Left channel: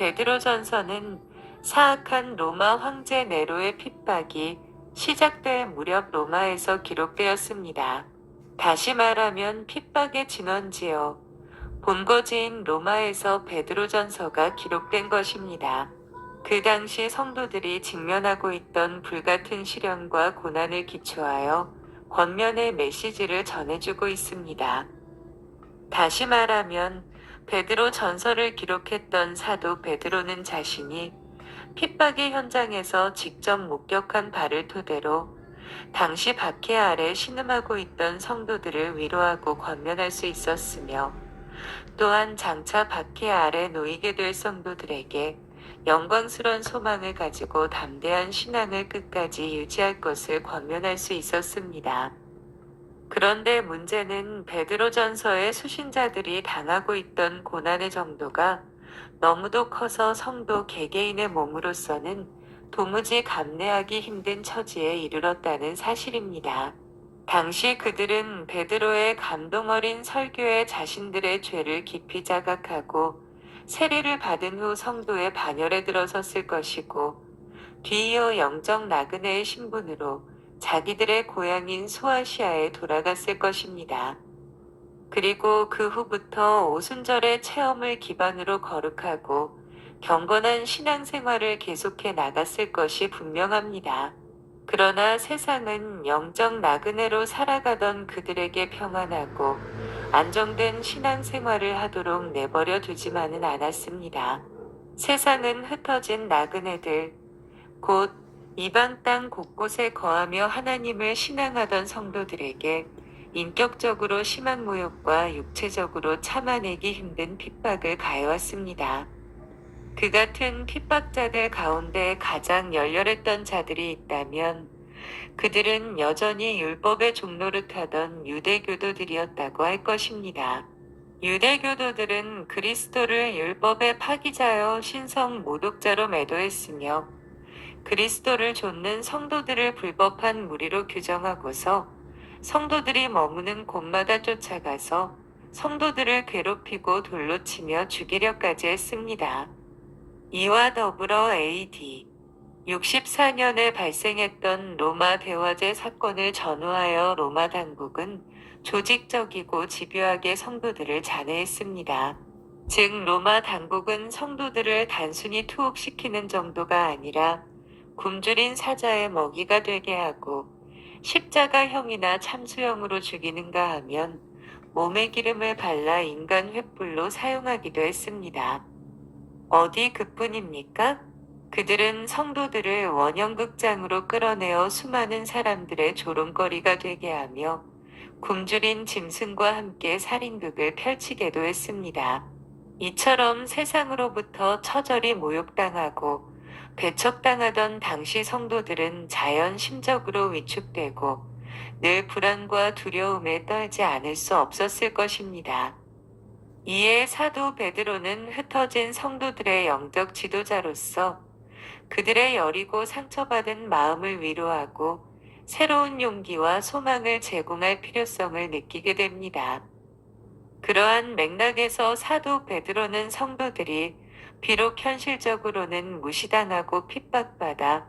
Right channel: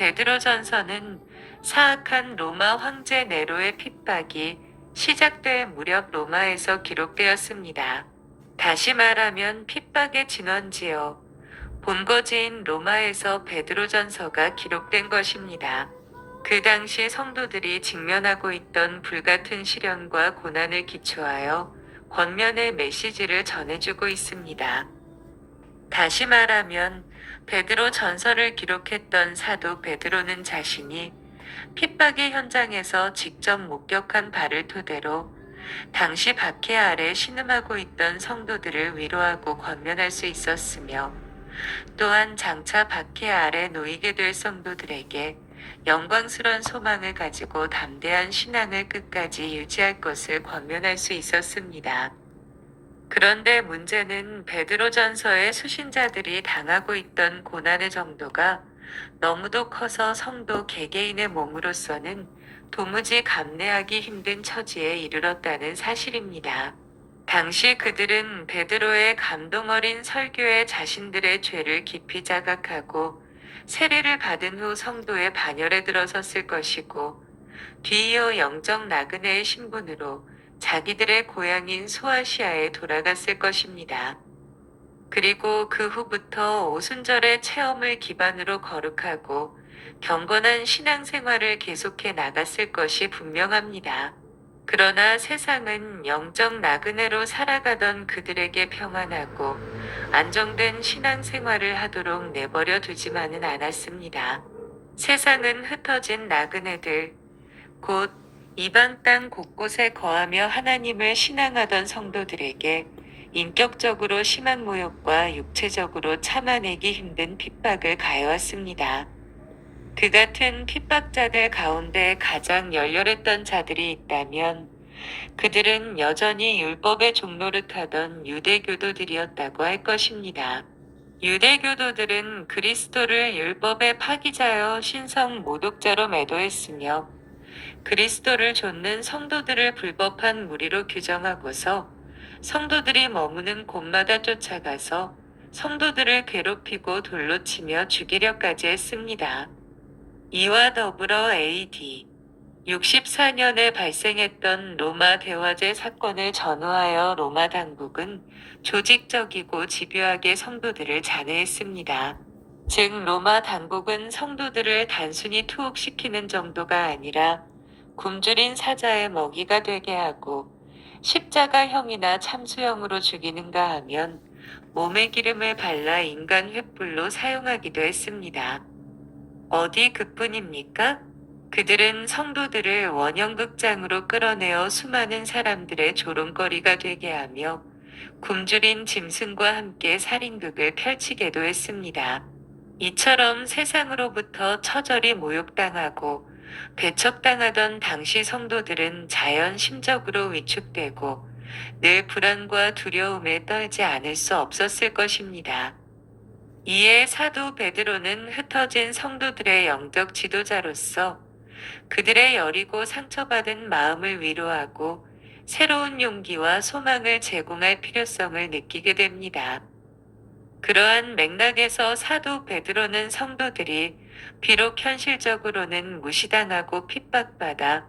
베드로전서는 사악한 로마 황제 네로의 핍박이 시작될 무렵 로마에서 기록되었습니다. 다시 말하면 핍박의 진원지요. 본거지인 로마에서 베드로전서가 기록된 것입니다. 그 당시 성도들이 직면하고 있던 불같은 시련과 고난을 기초하여 권면의 메시지를 전해주고 있습니다. 다시 말하면 베드로 전서를 기록했던 사도 베드로는 자신이 핍박의 현장에서 직접 목격한 바를 토대로 당시 박해 아래 신음하고 있던 성도들을 위로하고 권면할 수 있었으며, 또한 장차 박해 아래 놓이게 될 성도들에게 영광스러운 소망을 가지고 담대한 신앙을 끝까지 유지할 것을 권면할 수 있었습니다. 그런데 문제는 베드로전서의 수신자들이 당하고 있던 고난의 정도가 너무도 커서 성도 개개인의 몸으로서는 도무지 감내하기 힘든 처지에 이르렀다는 사실입니다. 당시 그들은 베드로의 감동 어린 설교에 자신들의 죄를 깊이 자각하고 세례를 받은 후 성도의 반열에 들어섰을 것이고, 뒤이어 영적 나그네의 신분으로 자기들의 고향인 소아시아에 돌아갔을 것입니다. 그리고 그 후부터 오순절의 체험을 기반으로 거룩하고 경건한 신앙생활을 계속해 나갔을 것이 분명합니다. 그러나 세상은 영적 나그네로 살아가던 그들에게 평안하고 안정된 신앙생활을 하도록 내버려 두지만은 않았습니다. 세상은 흩어진 나그네들, 곧 이방 땅 곳곳에 거하며 하나님을 신앙하던 성도들에게 인격적으로 심한 모욕과 육체적으로 참아내기 힘든 핍박을 가해왔습니다. 그 같은 핍박자들 가운데 가장 열렬했던 자들이 있다면 그들은 여전히 율법의 종노릇하던 유대교도들이었다고 할 것입니다. 유대교도들은 그리스도를 율법의 파기자여 신성 모독자로 매도했으며, 그리스도를 좇는 성도들을 불법한 무리로 규정하고서 성도들이 머무는 곳마다 쫓아가서 성도들을 괴롭히고 돌로 치며 죽이려까지 했습니다. 이와 더불어 AD 64년에 발생했던 로마 대화제 사건을 전후하여 로마 당국은 조직적이고 집요하게 성도들을 잔해했습니다. 즉 로마 당국은 성도들을 단순히 투옥시키는 정도가 아니라 굶주린 사자의 먹이가 되게 하고, 십자가형이나 참수형으로 죽이는가 하면 몸에 기름을 발라 인간 횃불로 사용하기도 했습니다. 어디 그뿐입니까? 그들은 성도들을 원형극장으로 끌어내어 수많은 사람들의 조롱거리가 되게 하며 굶주린 짐승과 함께 살인극을 펼치게도 했습니다. 이처럼 세상으로부터 처절히 모욕당하고 배척당하던 당시 성도들은 자연 심적으로 위축되고 늘 불안과 두려움에 떨지 않을 수 없었을 것입니다. 이에 사도 베드로는 흩어진 성도들의 영적 지도자로서 그들의 여리고 상처받은 마음을 위로하고 새로운 용기와 소망을 제공할 필요성을 느끼게 됩니다. 그러한 맥락에서 사도 베드로는 성도들이 비록 현실적으로는 무시당하고 핍박받아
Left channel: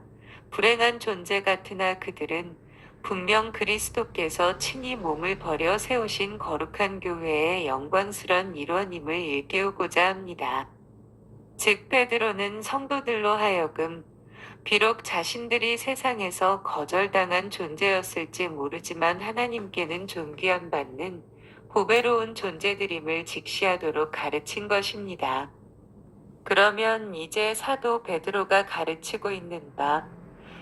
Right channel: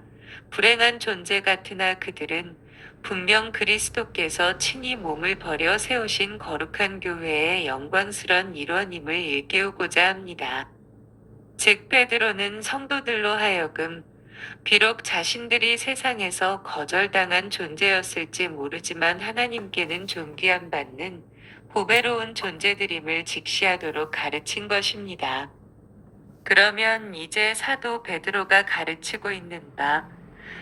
불행한 존재 같으나 그들은 분명 그리스도께서 친히 몸을 버려 세우신 거룩한 교회의 영광스런 일원임을 일깨우고자 합니다. 즉 베드로는 성도들로 하여금 비록 자신들이 세상에서 거절당한 존재였을지 모르지만 하나님께는 존귀함 받는 보배로운 존재들임을 직시하도록 가르친 것입니다. 그러면 이제 사도 베드로가 가르치고 있는 바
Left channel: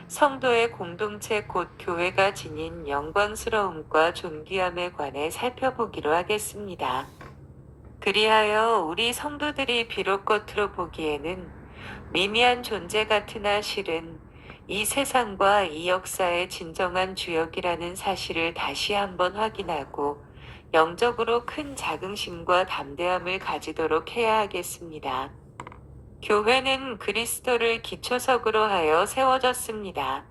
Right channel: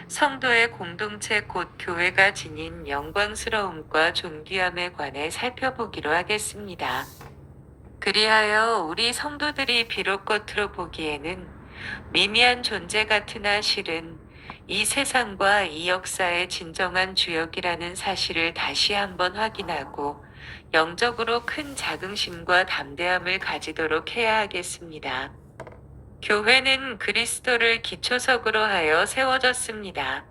성도의 공동체 곧 교회가 지닌 영광스러움과 존귀함에 관해 살펴보기로 하겠습니다. 그리하여 우리 성도들이 비록 겉으로 보기에는 미미한 존재 같으나 실은 이 세상과 이 역사의 진정한 주역이라는 사실을 다시 한번 확인하고 영적으로 큰 자긍심과 담대함을 가지도록 해야 하겠습니다. 교회는 그리스도를 기초석으로 하여 세워졌습니다.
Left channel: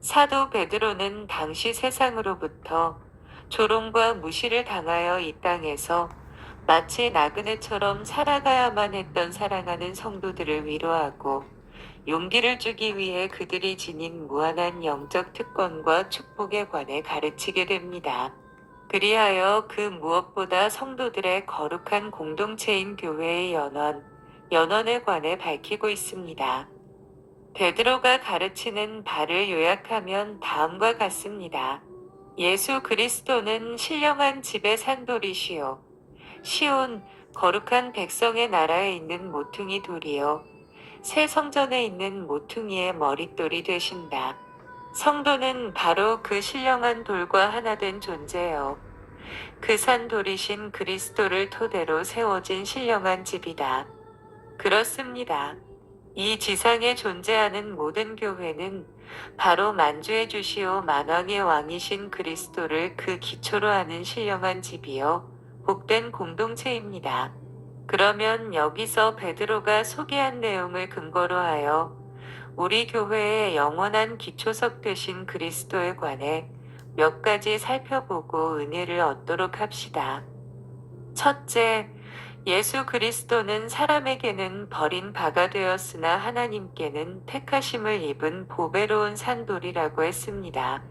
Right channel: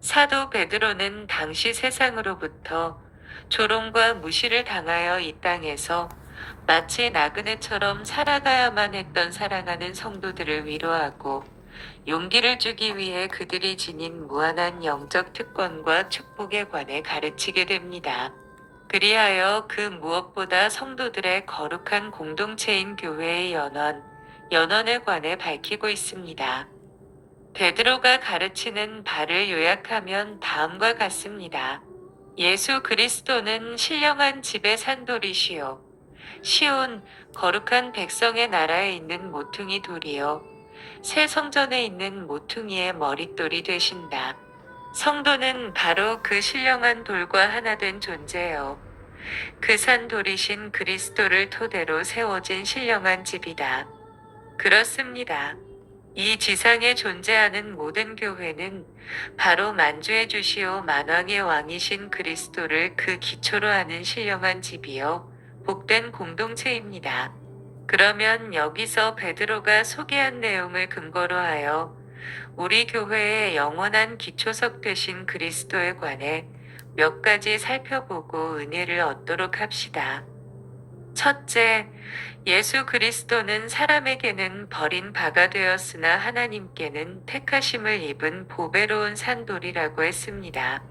사도 베드로는 당시 세상으로부터 조롱과 무시를 당하여 이 땅에서 마치 나그네처럼 살아가야만 했던 사랑하는 성도들을 위로하고 용기를 주기 위해 그들이 지닌 무한한 영적 특권과 축복에 관해 가르치게 됩니다. 그리하여 그 무엇보다 성도들의 거룩한 공동체인 교회의 연원에 관해 밝히고 있습니다. 베드로가 가르치는 바를 요약하면 다음과 같습니다. 예수 그리스도는 신령한 집의 산돌이시요 시온 거룩한 백성의 나라에 있는 모퉁이 돌이요 새 성전에 있는 모퉁이의 머릿돌이 되신다. 성도는 바로 그 신령한 돌과 하나 된 존재요. 그 산돌이신 그리스도를 토대로 세워진 신령한 집이다. 그렇습니다. 이 지상에 존재하는 모든 교회는 바로 만주의 주시오 만왕의 왕이신 그리스도를 그 기초로 하는 신령한 집이요 복된 공동체입니다. 그러면 여기서 베드로가 소개한 내용을 근거로 하여 우리 교회의 영원한 기초석 되신 그리스도에 관해 몇 가지 살펴보고 은혜를 얻도록 합시다. 첫째, 예수 그리스도는 사람에게는 버린 바가 되었으나 하나님께는 택하심을 입은 보배로운 산돌이라고 했습니다.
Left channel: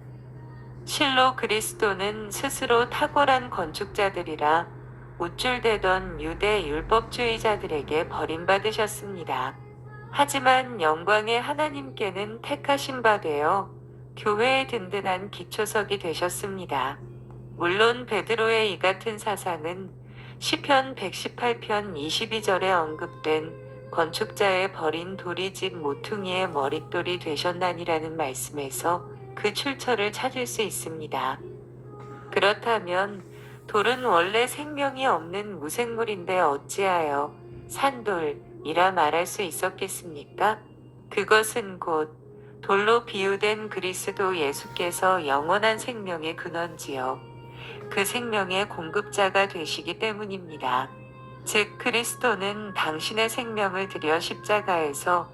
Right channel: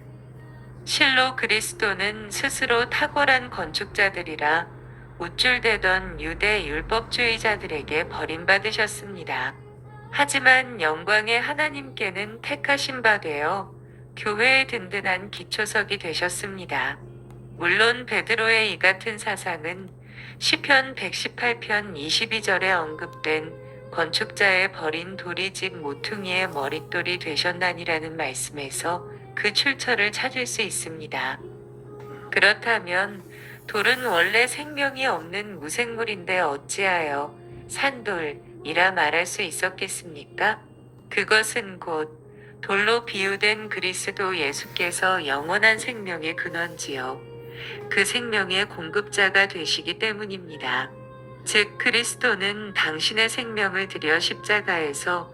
실로 그리스도는 스스로 탁월한 건축자들이라 우쭐대던 유대 율법주의자들에게 버림받으셨습니다. 하지만 영광의 하나님께는 택하신 바 되어 교회의 든든한 기초석이 되셨습니다. 물론 베드로의 이 같은 사상은 시편 118편 22절에 언급된 건축자의 버린 돌이 집 모퉁이의 머릿돌이 되셨나니라는 말씀에서 그 출처를 찾을 수 있습니다. 그렇다면 돌은 원래 생명이 없는 무생물인데 어찌하여 산돌이라 말할 수 있었겠습니까? 그것은 곧 돌로 비유된 그리스도 예수께서 영원한 생명의 근원지요. 그 생명의 공급자가 되시기 때문입니다. 즉 그리스도는 당신의 생명을 들여 십자가에서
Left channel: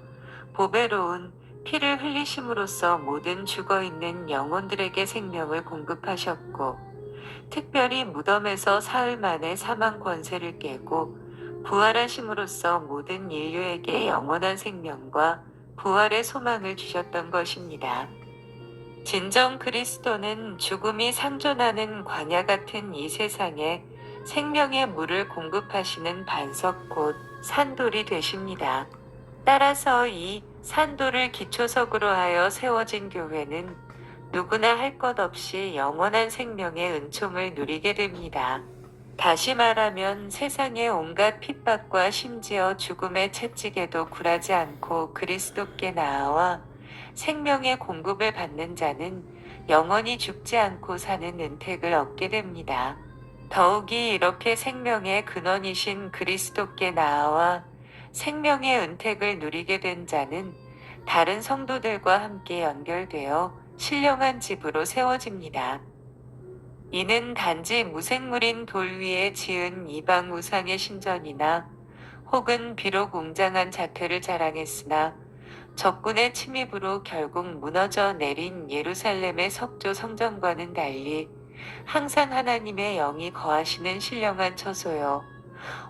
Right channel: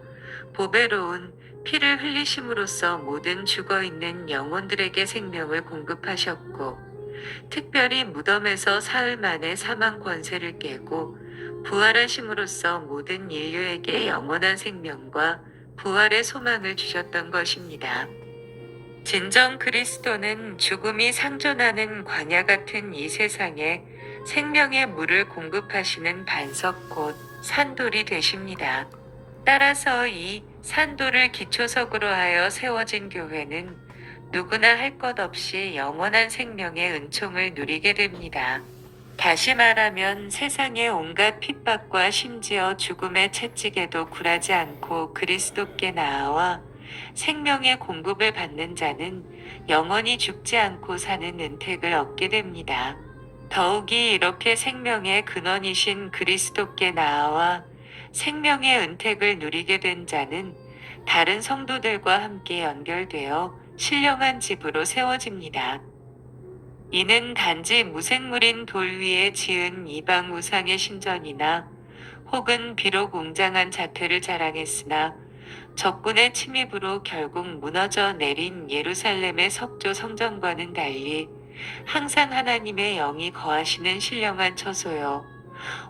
보배로운 피를 흘리심으로써 모든 죽어있는 영혼들에게 생명을 공급하셨고 특별히 무덤에서 사흘 만에 사망 권세를 깨고 부활하심으로써 모든 인류에게 영원한 생명과 부활의 소망을 주셨던 것입니다. 진정 그리스도는 죽음이 상존하는 광야 같은 이 세상에 생명의 물을 공급하시는 반석 곧 산돌이 되십니다. 따라서 이 산돌을 기초석으로 하여 세워진 교회는 누구나 할 것 없이 영원한 생명의 은총을 누리게 됩니다. 다시 말하면 세상의 온갖 핍박과 심지어 죽음의 채찍에도 굴하지 않고 그리스도께 나아와 생명의 공급을 받는 자는 영원히 죽지 않고 사는 은택을 얻게 됩니다. 더욱이 이렇게 생명의 근원이신 그리스도께 나아와 생명의 은택을 누리게 된 자는 다른 성도들과 함께 연결되어 신령한 집으로 세워집니다. 이는 단지 무생물인 돌 위에 지은 이방 우상의 신전이나 혹은 비록 웅장한 자태를 자랑했으나 적군의 침입으로 결국 무너져 내린 예루살렘의 석조 성전과는 달리 항상 하나님의 영이 거하시는 신령한 처소요.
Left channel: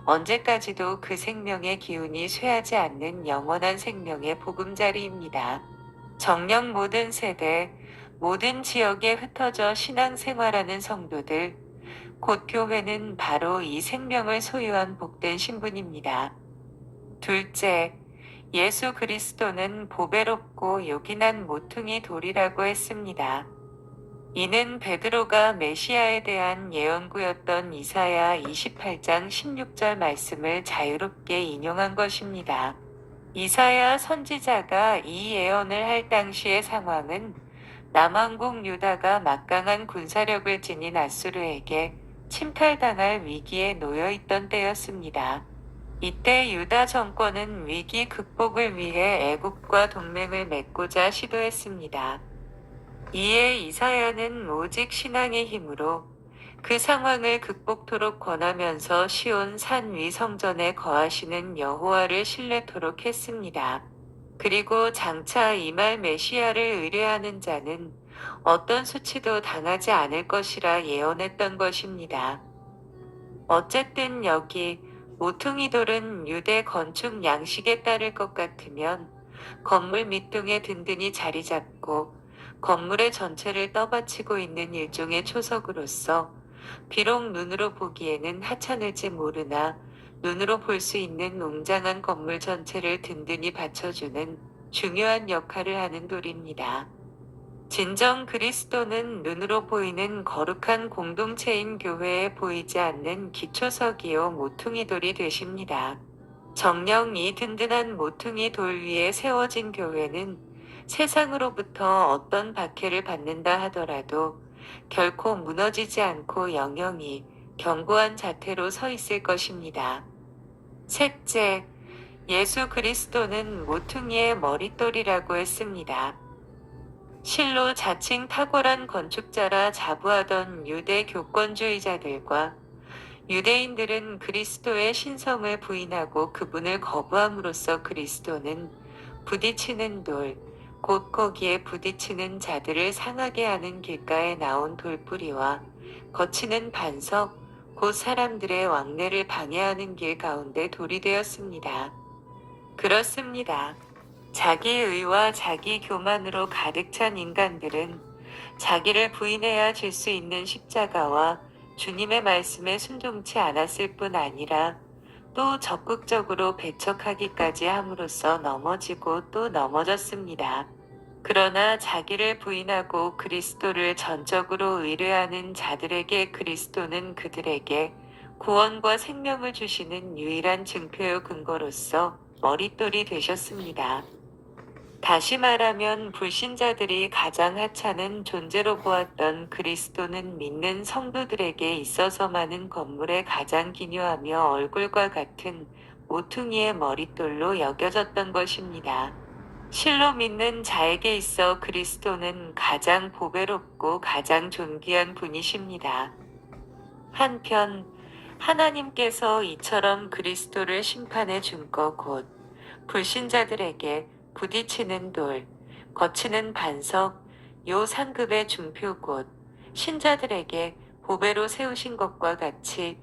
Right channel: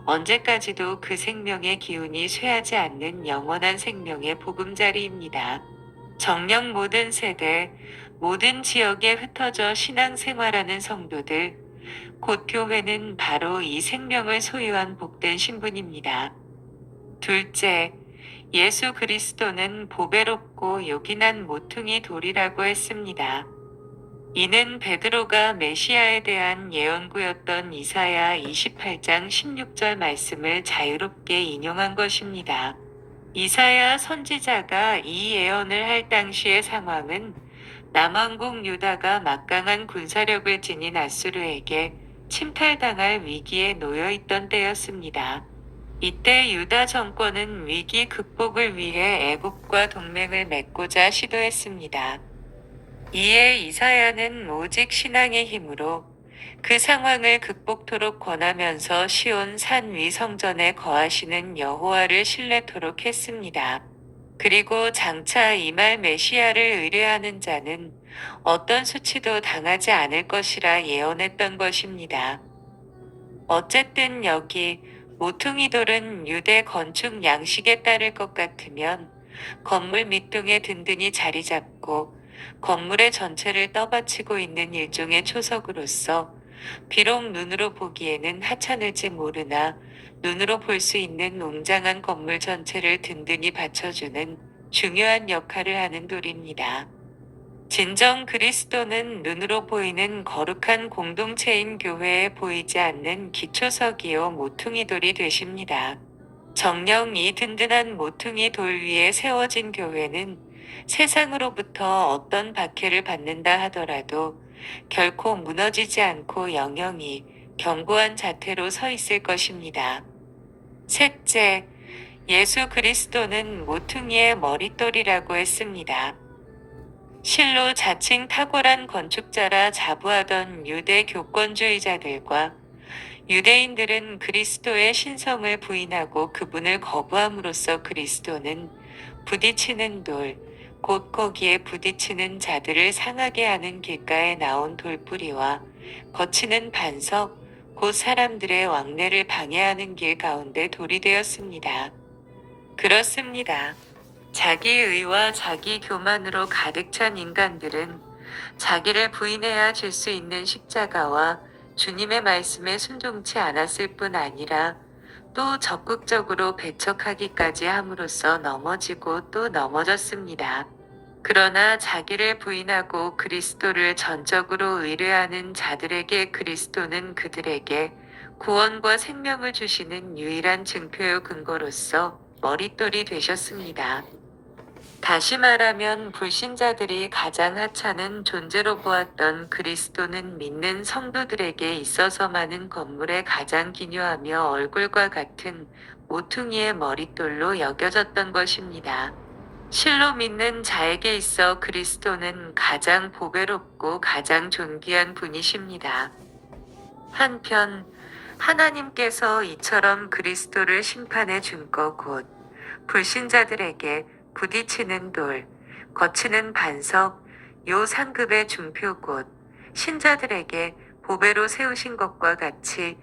언제까지도 그 생명의 기운이 쇠하지 않는 영원한 생명의 보금자리입니다. 정녕 모든 세대, 모든 지역에 흩어져 신앙생활하는 성도들, 곧 교회는 바로 이 생명을 소유한 복된 신분입니다. 둘째, 예수 그리스도는 보배롭고 요긴한 모퉁이 돌이라고 했습니다. 이는 베드로가 메시아에 대한 예언구였던 이사야 28장 16절 말씀을 자유롭게 인용한 것입니다. 이사야 선지자가 이 예언을 할 당시의 상황은 남왕국 유다가 막강한 군사력을 지닌 아수르에게 침탈당할 위기에 놓여 있던 때였습니다. 이때 유다 정권은 위기 극복을 위해 애국과 동맹을 맺고자 시도했습니다. 이에 이사야는 오직 신앙의 힘으로 그 상황을 극복토록 권하면서 시온 산 위 성전에 거하시는 여호와를 신뢰토록 했습니다. 그리고 장차 임할 메시아를 의뢰하는 자는 어떤 수치도 당하지 않을 것이라 예언했던 것입니다. 어쨌든 여기 모퉁이 돌은 유대 건축 양식에 따를 것 같으면 건물 밑둥에 든든히 자리 잡고 건물의 전체를 떠받치고 있는 일종의 초석으로서 비록 눈으로 보기에는 하찮을지 모르나 눈으로 볼 수 있는 웅장한 건물 전체를 든든히 받쳐주는 중요한 역할을 하는 돌입니다. 진정 그리스도는 눈으로 보이는 거룩한 공동체인 교회에 보이지 않는 기초석이요 모퉁이 돌이 되십니다. 정녕 이 든든한 모퉁이 돌 위에 세워진 교회는 세상으로부터 어떤 박해를 받는다 하더라도 결코 무너지지 않고 영영이 견고한 자태로 서 있을 것입니다. 셋째, 예수 그리스도는 모퉁이의 머릿돌이라고 했습니다. 실로 자칭 탁월한 건축자라 자부하던 유대 교권주의자들과 유대인들은 그리스도의 신성을 부인하고 그분을 거부함으로써 그리스도는 부딪히는 돌, 곧 거기에 부딪히는 자들을 상하게 하는 길가에 나온 돌뿌리와 거치는 반석, 곧 사람들의 왕래를 방해하는 길 가운데 돌이 되었습니다. 그렇습니다. 자기 의와 자기 교만으로 가득 찬 인간들은 자기를 부인해야 질 수 있는 십자가와 주님의 말씀에 순종치 않았을 뿐 아니라 또 적극적으로 배척하기까지 함으로써 넘어지고 또 넘어졌습니다. 그러나 자기를 부인하고 그리스도를 전적으로 의뢰하는 자들에게 그리스도는 그들에게 구원과 생명을 주시는 유일한 증표요 근거로서 머릿돌이 되셨습니다. 다시 말하면 불신자들이 가장 하찮은 존재로 보았던 그리스도는 믿는 성도들에게 있어서만은 건물의 가장 기묘하며 얼굴과 같은 모퉁이의 머릿돌로 여겨졌던 것입니다. 실로 믿는 자에게 있어 그리스도는 가장 보배롭고 가장 존귀한 분이십니다. 한편 하나님께서 이처럼 그리스도를 심판해 준 것 곧 불신자들에게 부딪히는 돌, 거치는 반석, 요 상급의 중표 곧 신자들에게 보배로 세우신 것과 같이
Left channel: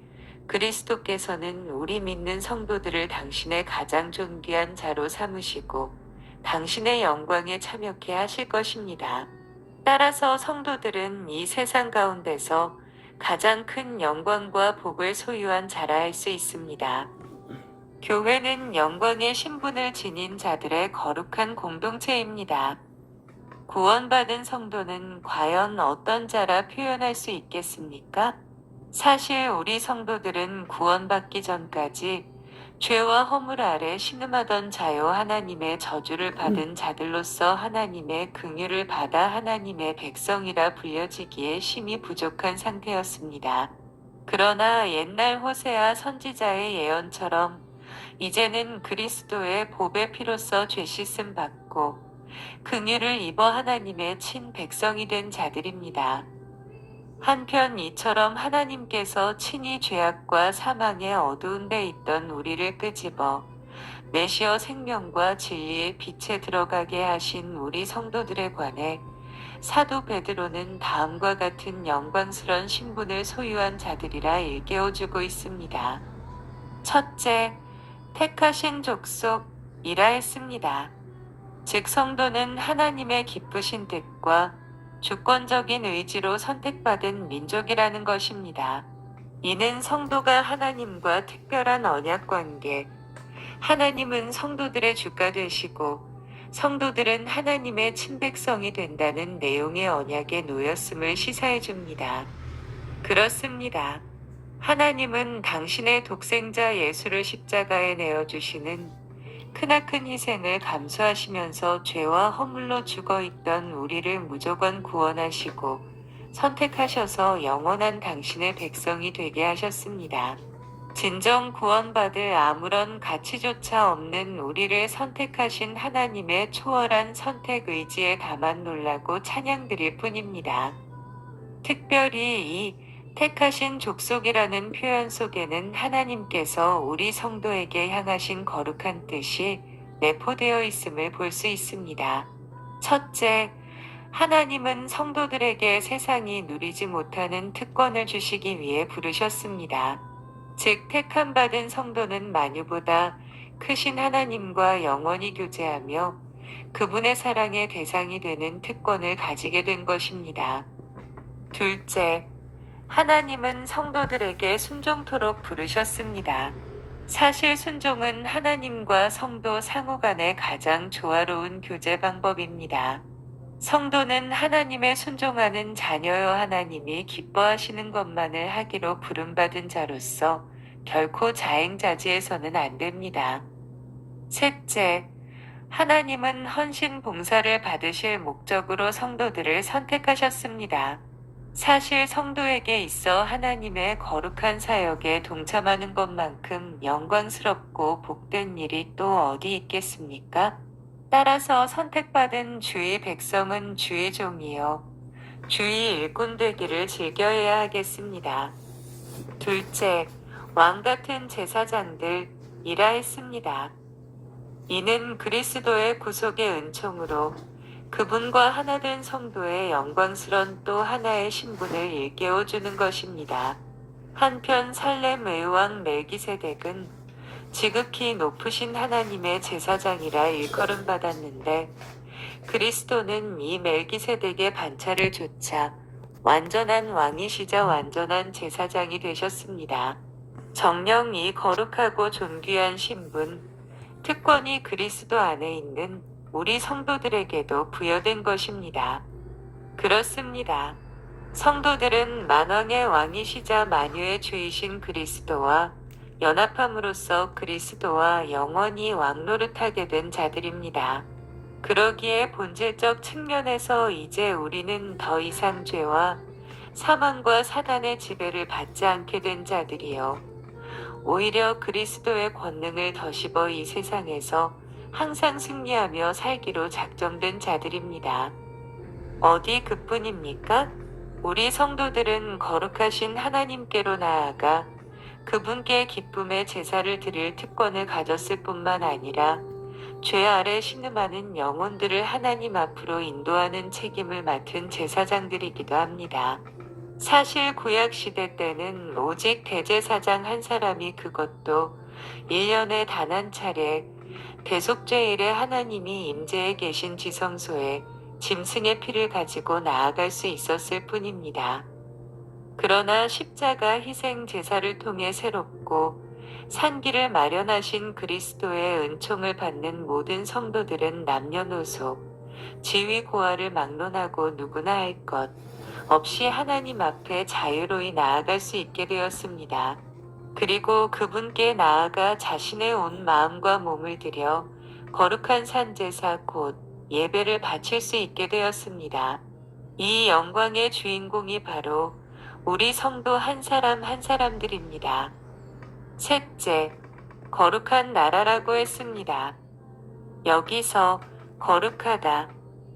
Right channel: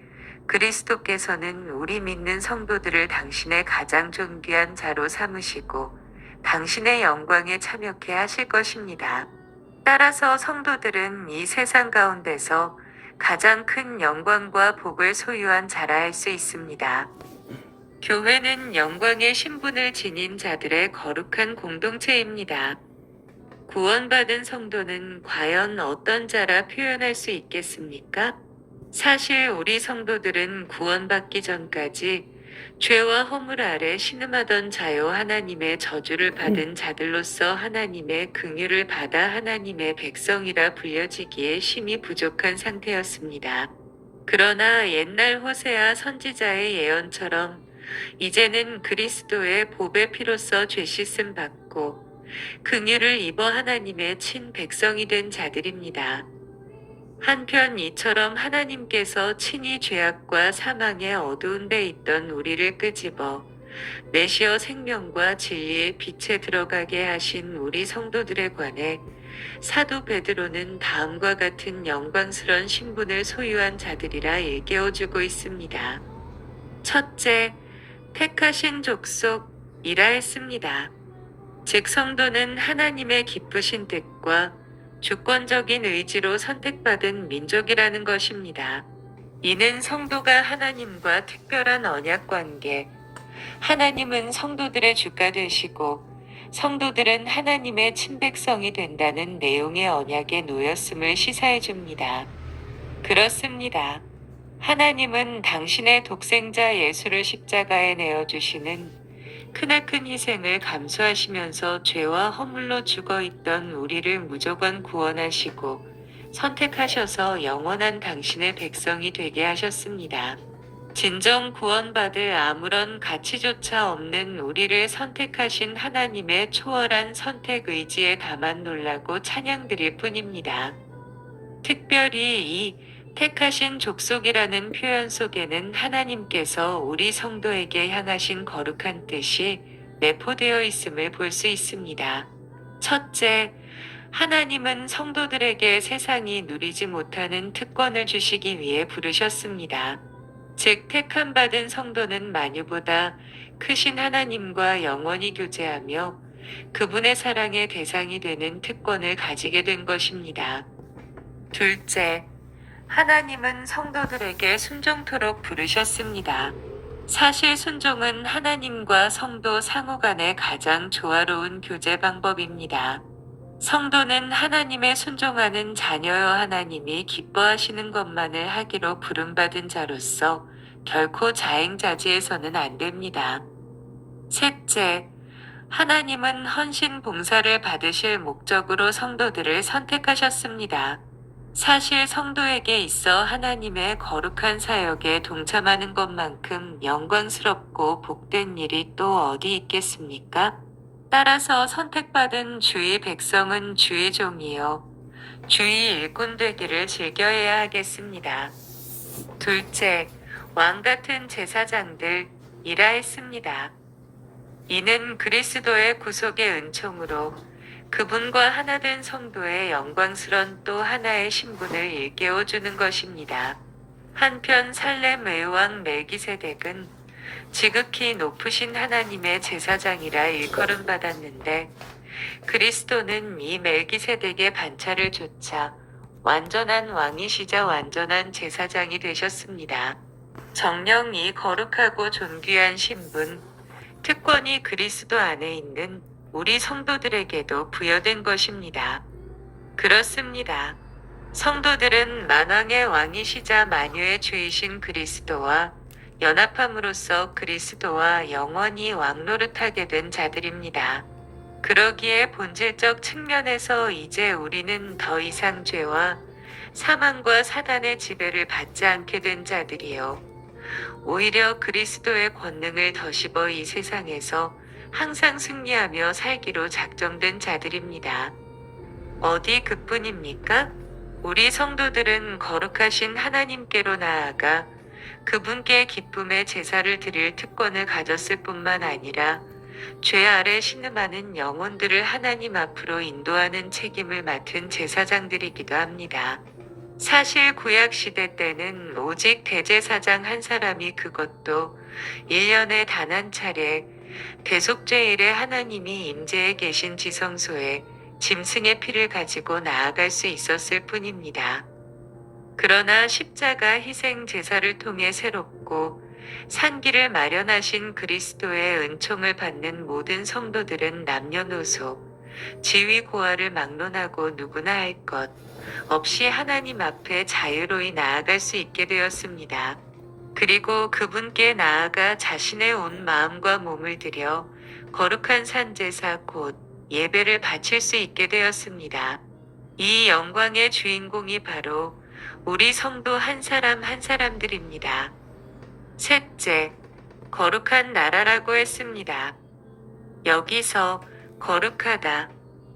그리스도께서는 우리 믿는 성도들을 당신의 가장 존귀한 자로 삼으시고 당신의 영광에 참여케 하실 것입니다. 따라서 성도들은 이 세상 가운데서 가장 큰 영광과 복을 소유한 자라 할 수 있습니다. 교회는 영광의 신분을 지닌 자들의 거룩한 공동체입니다. 구원받은 성도는 과연 어떤 자라 표현할 수 있겠습니까? 사실 우리 성도들은 구원받기 전까지 죄와 허물 아래 신음하던 자요 하나님의 저주를 받은 자들로서 하나님의 긍휼을 받아 하나님의 백성이라 불려지기에 심히 부족한 상태였습니다. 그러나 옛날 호세아 선지자의 예언처럼 이제는 그리스도의 보배 피로써 죄 씻음 받고 긍휼을 입어 하나님의 친 백성이 된 자들입니다. 한편 이처럼 하나님께서 친히 죄악과 사망의 어두운 데 있던 우리를 끄집어 내시어 생명과 진리의 빛에 들어가게 하신 우리 성도들에 관해 사도 베드로는 다음과 같은 영광스런 신분을 소유한 자들이라 일깨워주고 있습니다. 첫째, 택하신 족속이라 했습니다. 즉 성도는 하나님의 기쁘신 뜻과 주권적인 의지로 선택받은 민족이라는 것입니다. 이는 성도가 하나님과 특별한 언약 관계, 하나님은 성도들의 주가 되시고 성도들은 하나님의 친백성이 된다는 내용의 언약에 놓였음을 시사해 줍니다. 그렇습니다. 하나님은 당신의 독생자 예수를 십자가에 내어주시는 크나큰 희생을 감수하시면서 죄와 허물로 죽어있던 우리를 무조건 구원하시고 선택하셔서 영원한 당신의 백성이 되게 하셨습니다. 진정 구원받을 아무런 가치조차 없는 우리를 선택하신 하나님의 초월한 선택 의지에 다만 놀라고 찬양드릴 뿐입니다. 특별히 이 택하신 족속이라는 표현 속에는 하나님께서 우리 성도에게 향하신 거룩한 뜻이 내포되어 있음을 볼 수 있습니다. 첫째, 하나님은 성도들에게 세상이 누리지 못하는 특권을 주시기 위해 부르셨습니다. 즉 택함 받은 성도는 만유보다 크신 하나님과 영원히 교제하며 그분의 사랑의 대상이 되는 특권을 가지게 된 것입니다. 둘째, 하나님은 성도들에게 순종토록 부르셨습니다. 사실 순종은 하나님과 성도 상호 간의 가장 조화로운 교제 방법입니다. 성도는 하나님의 순종하는 자녀여 하나님이 기뻐하시는 것만을 하기로 부름받은 자로서 결코 자행자지해서는 안 됩니다. 셋째, 하나님은 헌신 봉사를 받으실 목적으로 성도들을 선택하셨습니다. 사실 성도에게 있어 하나님의 거룩한 사역에 동참하는 것만큼 영광스럽고 복된 일이 또 어디 있겠습니까? 따라서 선택받은 주의 백성은 주의 종이요 주의 일꾼 되기를 즐겨해야 하겠습니다. 둘째, 왕 같은 제사장들이라 했습니다. 이는 그리스도의 구속의 은총으로 그분과 하나된 성도의 영광스런 또 하나의 신분을 일깨워주는 것입니다. 한편 살렘 의왕 멜기세덱은 지극히 높으신 하나님의 제사장이라 일컬음 받았는데 그리스도는 이 멜기세덱의 반차를 좇아 완전한 왕이시자 완전한 제사장이 되셨습니다. 정녕 이 거룩하고 존귀한 신분, 특권이 그리스도 안에 있는 우리 성도들에게도 부여된 것입니다. 그렇습니다. 성도들은 만왕의 왕이시자 만유의 주이신 그리스도와 연합함으로써 그리스도와 영원히 왕노릇하게 된 자들입니다. 그러기에 본질적 측면에서 이제 우리는 더 이상 죄와 사망과 사단의 지배를 받지 않게 된 자들이요. 오히려 그리스도의 권능을 더씹어 이 세상에서 항상 승리하며 살기로 작정된 자들입니다. 어디 그뿐입니까? 우리 성도들은 거룩하신 하나님께로 나아가 그분께 기쁨의 제사를 드릴 특권을 가졌을 뿐만 아니라 죄 아래 신음하는 영혼들을 하나님 앞으로 인도하는 책임을 맡은 제사장들이기도 합니다. 사실 구약시대 때는 오직 대제사장 한 사람이 그것도 1년에 단 한 차례 대속죄일에 하나님이 임재해 계신 지성소에 짐승의 피를 가지고 나아갈 수 있었을 뿐입니다. 그러나 십자가 희생 제사를 통해 새롭고 산기를 마련하신 그리스도의 은총을 받는 모든 성도들은 남녀노소, 지위 고하를 막론하고 누구나 할 것 없이 하나님 앞에 자유로이 나아갈 수 있게 되었습니다. 그리고 그분께 나아가 자신의 온 마음과 몸을 들여 거룩한 산제사 곧 예배를 바칠 수 있게 되었습니다. 이 영광의 주인공이 바로 우리 성도 한 사람 한 사람들입니다. 셋째, 거룩한 나라라고 했습니다. 여기서 거룩하다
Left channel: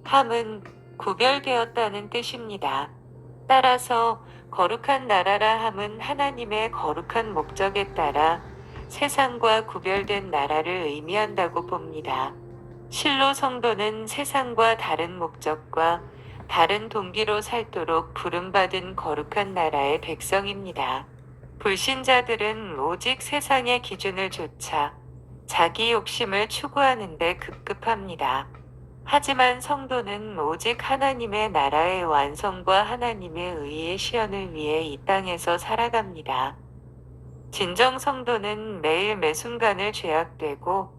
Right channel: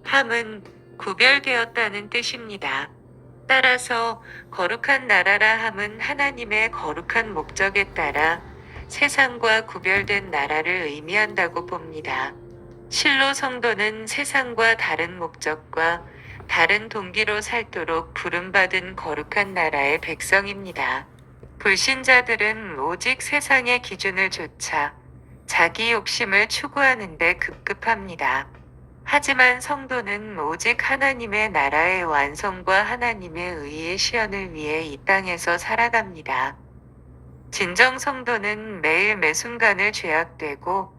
함은 구별되었다는 뜻입니다. 따라서 거룩한 나라라 함은 하나님의 거룩한 목적에 따라 세상과 구별된 나라를 의미한다고 봅니다. 실로 성도는 세상과 다른 목적과 다른 동기로 살도록 부름받은 거룩한 나라의 백성입니다. 불신자들은 오직 세상의 기준을 좇아 자기 욕심을 추구하는 데 급급합니다. 하지만 성도는 오직 하나님의 나라의 완성과 하나님의 의의 실현을 위해 이 땅에서 살아갑니다. 진정 성도는 매일 매순간을 죄악되고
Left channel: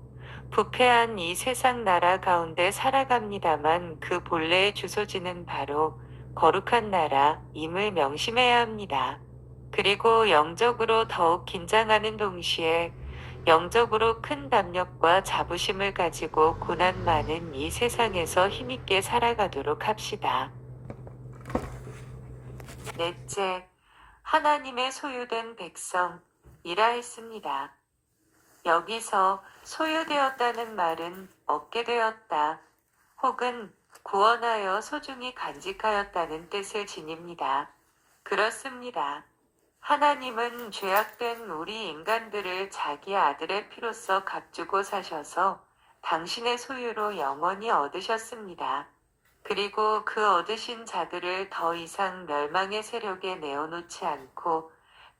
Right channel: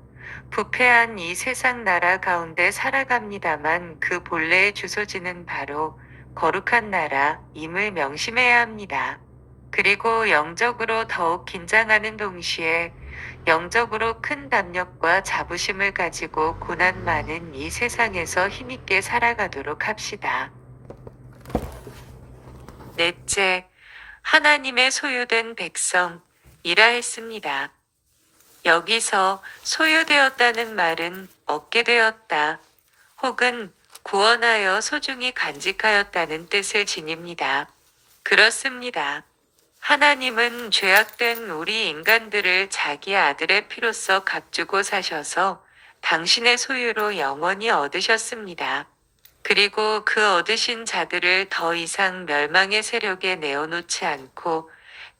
부패한 이 세상 나라 가운데 살아갑니다만 그 본래의 주소지는 바로 거룩한 나라임을 명심해야 합니다. 그리고 영적으로 더욱 긴장하는 동시에 영적으로 큰 담력과 자부심을 가지고 고난 많은 이 세상에서 힘있게 살아가도록 합시다. 넷째, 하나님의 소유된 백성이라 했습니다. 여기서 소유되었다는 말은 얻게 되었다 혹은 구원하여 소중히 간직하였다는 뜻을 지닙니다. 그렇습니다. 하나님은 죄악된 우리 인간들을 자기 아들의 피로써 값주고 사셔서 당신의 소유로 영원히 얻으셨습니다. 그리고 그 얻으신 자들을 더 이상 멸망의 세력에 내어놓지 않고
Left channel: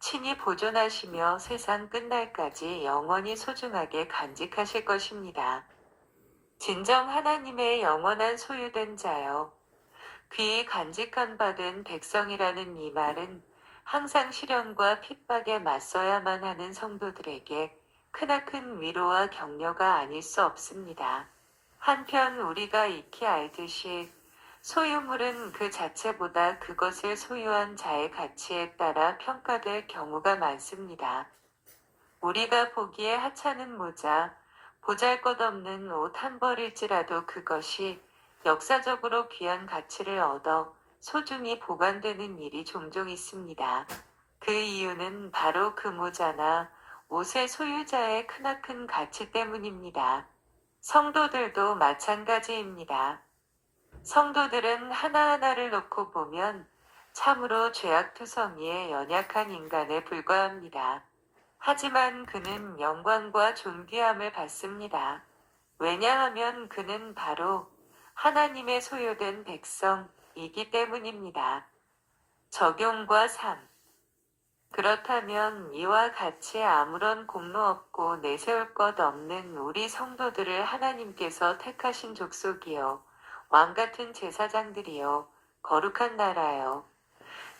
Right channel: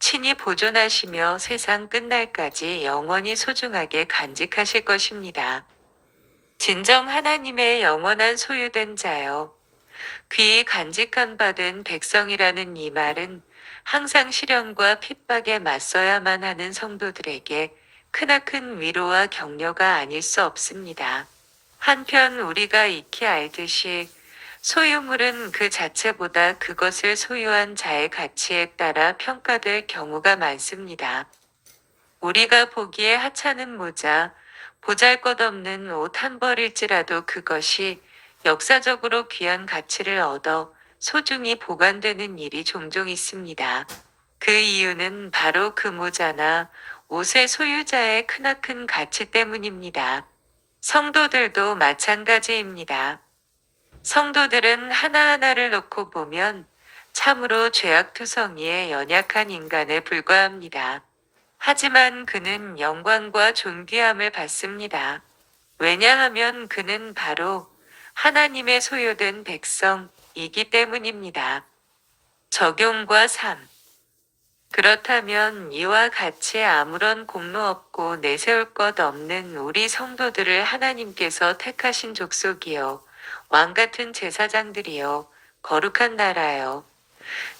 친히 보존하시며 세상 끝날까지 영원히 소중하게 간직하실 것입니다. 진정 하나님의 영원한 소유된 자여, 귀히 간직한 받은 백성이라는 이 말은 항상 시련과 핍박에 맞서야만 하는 성도들에게 크나큰 위로와 격려가 아닐 수 없습니다. 한편 우리가 익히 알듯이 소유물은 그 자체보다 그것을 소유한 자의 가치에 따라 평가될 경우가 많습니다. 우리가 보기에 하찮은 모자, 보잘것없는 옷 한 벌일지라도 그것이 역사적으로 귀한 가치를 얻어 소중히 보관되는 일이 종종 있습니다. 그 이유는 바로 그 모자나 옷의 소유자의 크나큰 가치 때문입니다. 성도들도 마찬가지입니다. 성도들은 하나하나를 놓고 보면 참으로 죄악투성이에 연약한 인간에 불과합니다. 하지만 그는 영광과 존귀함을 받습니다. 왜냐하면 그는 바로 하나님의 소유된 백성이기 때문입니다. 적용과 삶. 그렇다면 이와 같이 아무런 공로 없고 내세울 것 없는 우리 성도들을 하나님께서 택하신 족속이요, 왕같은 제사장들이요, 거룩한 나라요,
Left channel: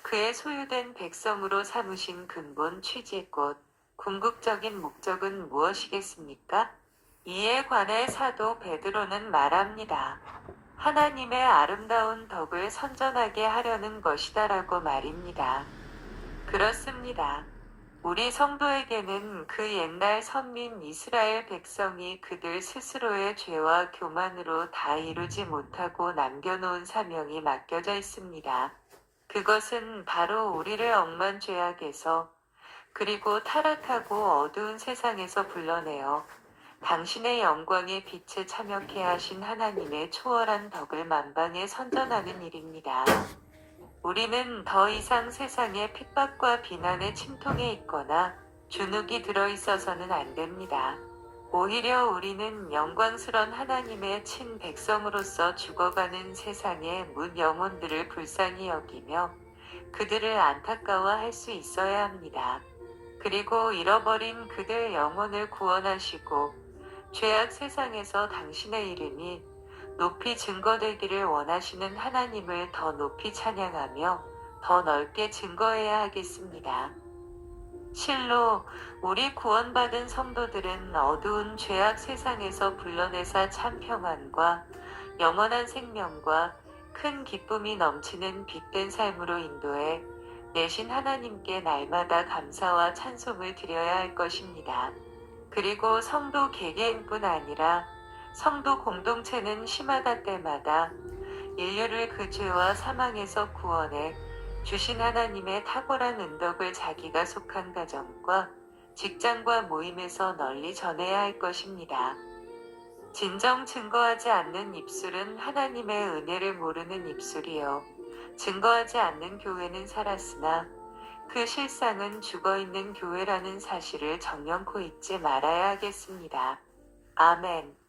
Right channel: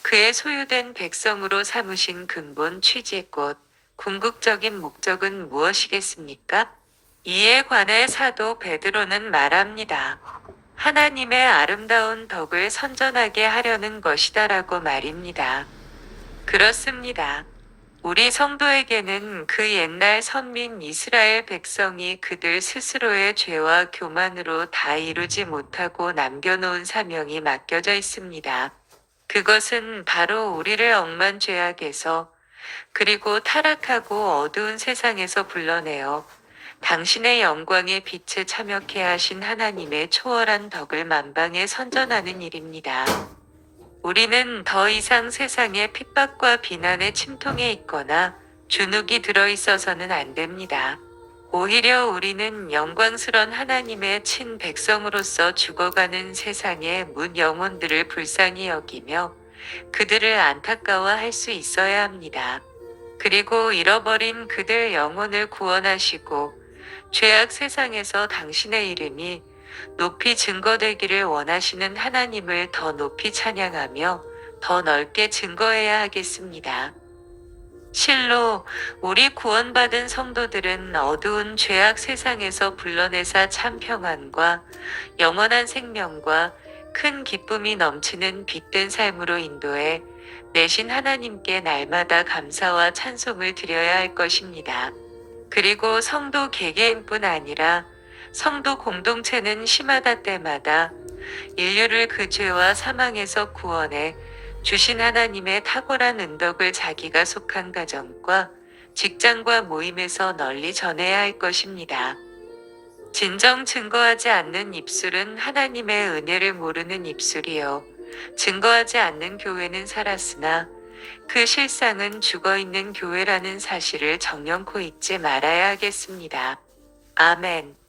그의 소유된 백성으로 삼으신 근본 취지꽃, 궁극적인 목적은 무엇이겠습니까? 이에 관해 사도 베드로는 말합니다. 하나님의 아름다운 덕을 선전하게 하려는 것이다라고 말입니다. 그렇습니다. 우리 성도에게는 그 옛날 선민 이스라엘 백성이 그들 스스로의 죄와 교만으로 다 이루지 못하고 남겨놓은 사명이 맡겨져 있습니다. 그것은 바로 우리를 억만 죄악에서 그리고 타락하고 어두운 세상에서 불러내어 당신의 영광의 빛에 참여케 하신 하나님의 초월한 덕을 만방에 선전하는 일입니다. 우리는 더 이상 세상의 핍박과 비난의 침통에 있거나 주눅이 들어 있어서는 안 됩니다. 오히려 우리는 영광스런 하나님의 친 백성으로서 죽어가는 세상의 문 영혼들을 불쌍히 여기며 그들을 안타까워할 수 있어야 합니다. 그리고 잃어버린 그들 영혼을 구원하시고 죄악 세상에서 당신의 이름이 높이 증거되기를 원하시는 하나님을 더 높이 찬양하며 더 넓게 증거해야 하겠습니다. 실로 우리 구원받은 성도들은 어두운 죄악 세상에서 불러내사 참 평안과 영원한 생명과 큰 기쁨이 넘치는 빛된 삶으로 인도해 내신 하나님께 날마다 감사와 찬송을 드려야 할 것입니다. 그리고 성도 개개인뿐 아니라 성도 공동체는 시마다 때마다 인류를 그 죄와 사망에서 구원해 주신 하나님의 탁월한 은덕을 자기가 속한 가정과 직장과 모임에서 널리 전해야 할 것입니다. 진정 증거하지 않는 입술은 하나님의 은혜를 모르는 입술이요, 증거하지 않는 교회는 살았으나 그 실상은 죽어있는 교회라는 사실을 정연코 잊지 말아야 하겠습니다. 아멘.